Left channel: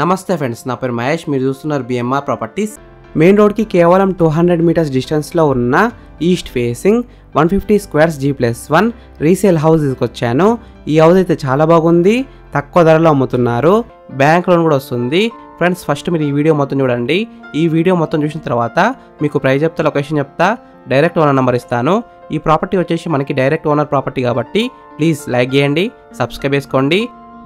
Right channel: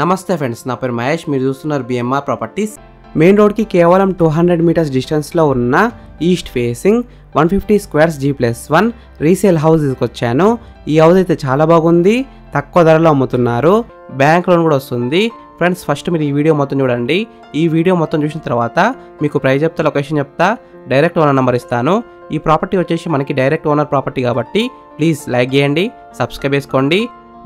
నమస్తే ఫ్రెండ్స్, నా పేరు మహేష్. మీరు చూస్తున్నారు బిఎంఆర్ ప్రాపర్టీస్. మెయిన్ రోడ్కి కేవలం 200 మీటర్స్ డిస్టెన్స్లో ఉన్న east facing 150 squares G+1 resale house తీసుకొచ్చాను. ఈ హౌస్ అయితే చాలా బాగుంది, తక్కువ ధరలో అమ్ముతున్నారు, బ్యాంక్ లోన్ కూడా వస్తుంది. ఫ్రెండ్స్, ఫస్ట్ మీరు ఈ వీడియో మొత్తం చూడండి. ఈ వీడియో మొత్తం చూసిన తర్వాత మీకు ప్రైస్ చెప్తా, లొకేషన్ చెప్తా, డైరెక్ట్ ఓనర్ నెంబర్ ఇస్తాను. ఈ ప్రాపర్టీ వచ్చేసి మనకి డైరెక్ట్ ఓనర్ ప్రాపర్టీ కాబట్టి ప్లీజ్ లైక్ చేయండి, సబ్స్క్రైబ్ చేసుకోండి.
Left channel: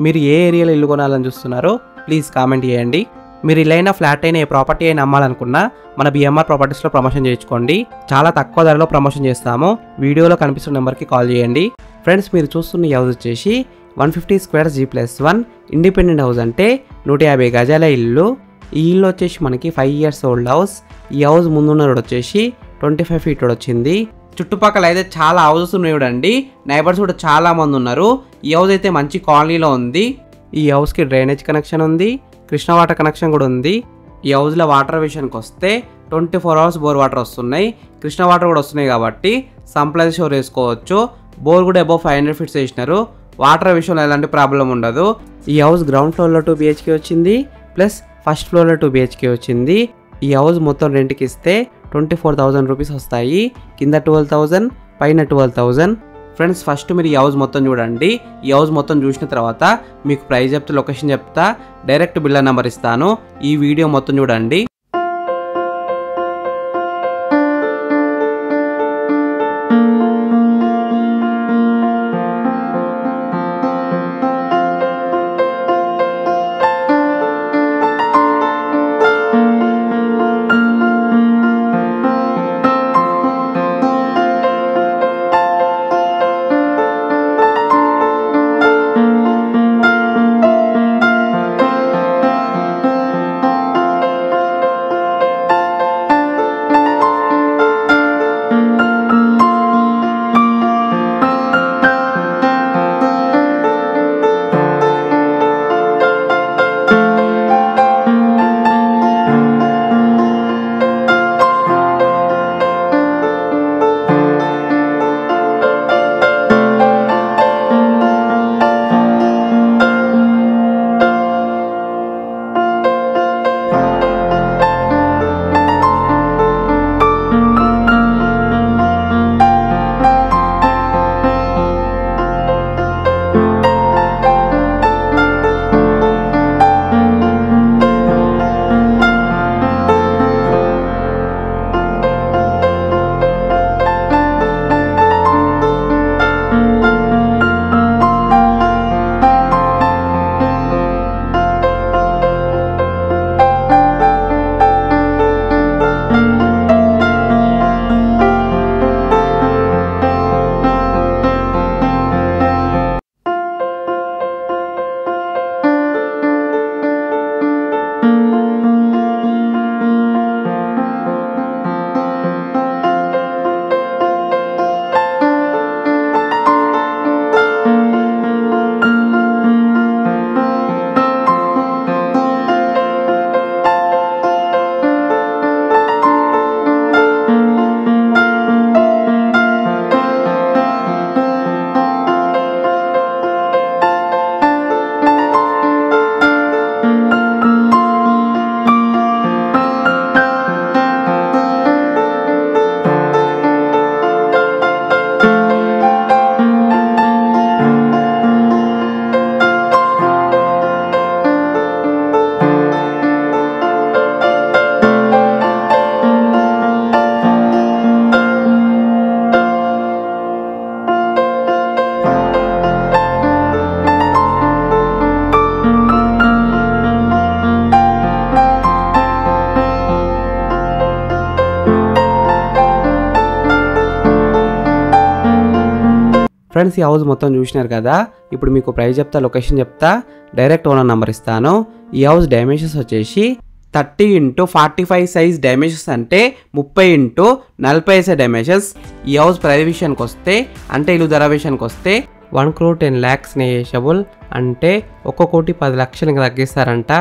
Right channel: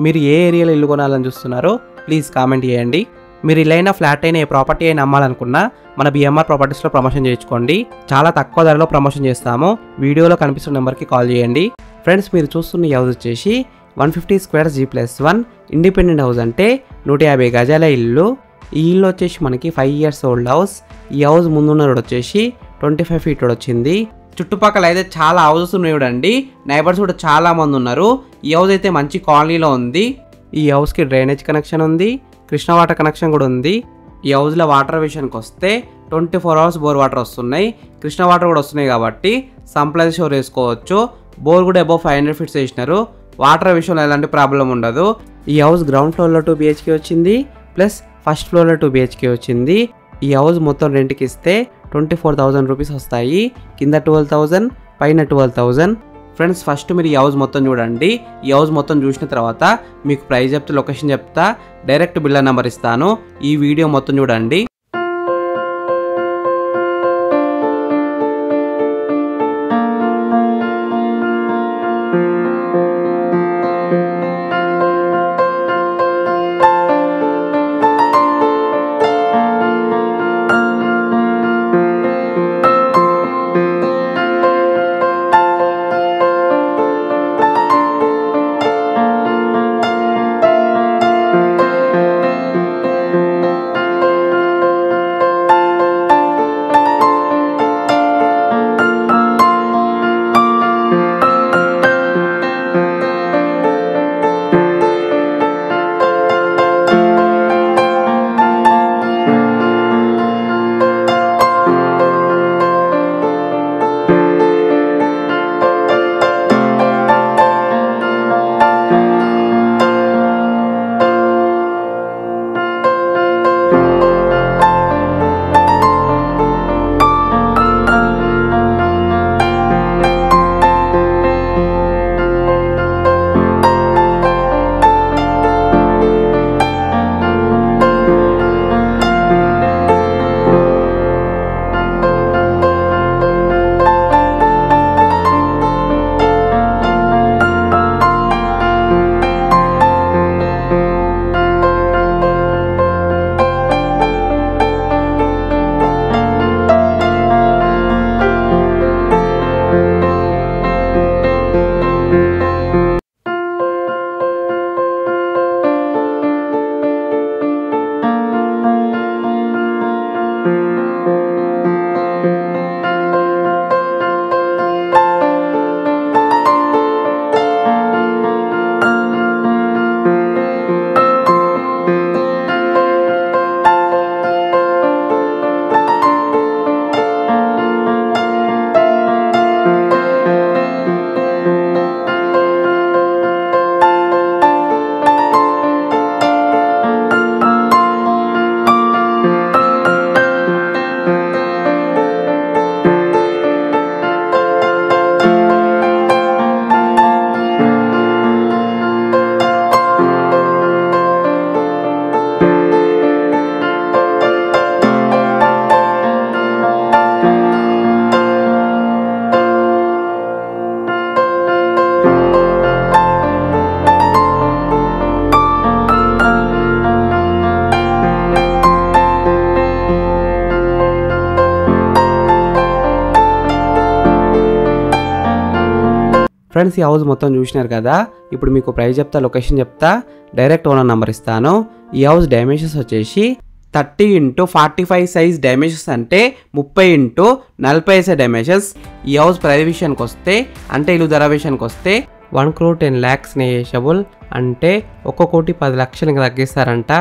మీరు ఏ ఏరియాలో ఇల్లు కొనాలని చూస్తున్నారో ప్లీజ్ కామెంట్ చేయండి. మీరు ఇల్లైనా ఫ్లాట్ అయినా ఏ ప్రాపర్టీ అయినా అమ్మాలనుకున్నా మన బిఎంఆర్ ప్రాపర్టీస్లో ప్రమోషన్ చేయించుకోండి. చాలా తక్కువ ధరలో ప్రమోషన్ చేస్తాము. వీడియోలో కనిపిస్తున్న నెంబర్కి కాల్ చేయండి. ఫ్రెండ్స్, మీరు చూస్తున్న ఈ హౌస్ వచ్చేసి 150 స్క్వేర్స్ G+1 ఇండిపెండెంట్ హౌస్, అంటే 150 గజాల ఇల్లు. ఈ ఇల్లు వచ్చేసి మనకి 5 years ఓల్డ్ హౌస్. ఈ హౌస్ ముందున్న రోడ్ వచ్చేసి 25 feet రోడ్ వచ్చింది. చుట్టుపక్కల అయితే చాలా హౌసెస్ ఉన్నాయి చూడండి, నైబర్స్ కూడా చాలా మంది ఉన్నారు. ఈ హౌస్ అయితే మంచి కాలనీలో ఉంది. ఈ హౌస్కి డ్రైనేజ్ కనెక్షన్ ఉంది, కృష్ణ వాటర్ కనెక్షన్ కూడా ఉంది. ఈ హౌస్లో వాటర్ విషయానికి వస్తే 24 hours బోర్ వాటర్ వస్తున్నాయి, కృష్ణ వాటర్ కూడా వస్తున్నాయి కాబట్టి సంప్లై షోర్ వేసుకోవచ్చు. బోర్ కూడా అబౌవ్ 500 feet వేసినారు. వాటర్ విషయంలో ఎలాంటి ప్రాబ్లం ఉండదు. ఈ హౌస్ గ్రౌండ్ ఫ్లోర్లో 2 BHK వచ్చింది, ప్లస్ ఫస్ట్ ఫ్లోర్లో 2 BHK వచ్చింది. ఈ హౌస్ మొత్తం రెంట్కి ఇస్తే 24,000 రూపీస్ వస్తాయి. కింద 12,000, పైన 12,000. ఫ్రెండ్స్, ఫస్ట్ మీరు ఈ హౌస్ మొత్తం చూడండి. ఈ హౌస్ మొత్తం చూసిన తర్వాత మీకు ప్రైస్ చెప్తా, లొకేషన్ చెప్తా, డైరెక్ట్ బిల్డర్ నెంబర్ ఇస్తాను. ఈ వీడియో మొత్తం చూడండి. ఫ్రెండ్స్, ఈ హౌస్ మొత్తం చూసినారు కదా. ఇప్పుడు మీకు ప్రైస్ చెప్తా, లొకేషన్ చెప్తా, డైరెక్ట్ ఓనర్ నెంబర్ ఇస్తాను. ఈ హౌస్ డైమెన్షన్స్ వచ్చేసి 30x45 సైజ్ డైమెన్షన్స్, అంటే 30x40 డైమెన్షన్స్. ఈ హౌస్ ప్రైస్ విషయానికి వస్తే, అంటే ఇల్లు ధర విషయానికి వస్తే 1,10,00,000 నెగోషియబుల్, అంటే 1,10,00,000 ఇంకా తగ్గిస్తారంట.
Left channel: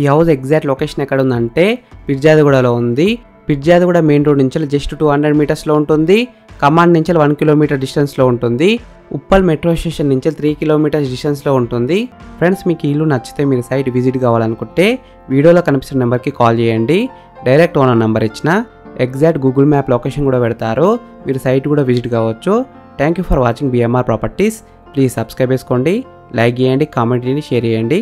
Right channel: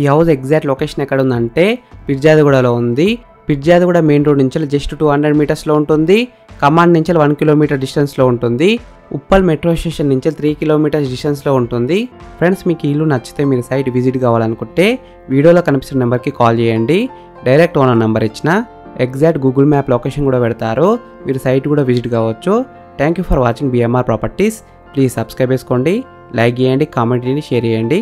ఈ హౌస్ ఎగ్జాక్ట్ లొకేషన్ ఎక్కడ ఉందంటే పిర్జాదిగూడలో ఉంది. పిర్జాదిగూడ మెయిన్ రోడ్ నుంచి జస్ట్ 200 మీటర్స్లో ఉంటుంది. కమాండ్ నుంచి 1 కిలోమీటర్ డిస్టెన్స్లో ఉంటుంది. ఉప్పల్ మెట్రో స్టేషన్ నుంచి 3 కిలోమీటర్స్ డిస్టెన్స్లో ఉంటుంది. ఫ్రెండ్స్, మీకు ఈ ఇల్లు నచ్చితే మీరు సైట్ విజిట్ కావాలనుకుంటే వీడియోలో కనిపిస్తున్న నెంబర్కి కాల్ చేయండి. డైరెక్ట్ ఓనర్ నెంబర్ ఇచ్చిన ఎగ్జాక్ట్ గూగుల్ మ్యాప్ లొకేషన్ కూడా పెడతారు, మీరు సైట్ కూడా విజిట్ కావచ్చు. Thank you for watching BMR properties. Please subscribe చేసుకోండి, లైక్ చేయండి, కామెంట్ చేయండి, షేర్ చేయండి.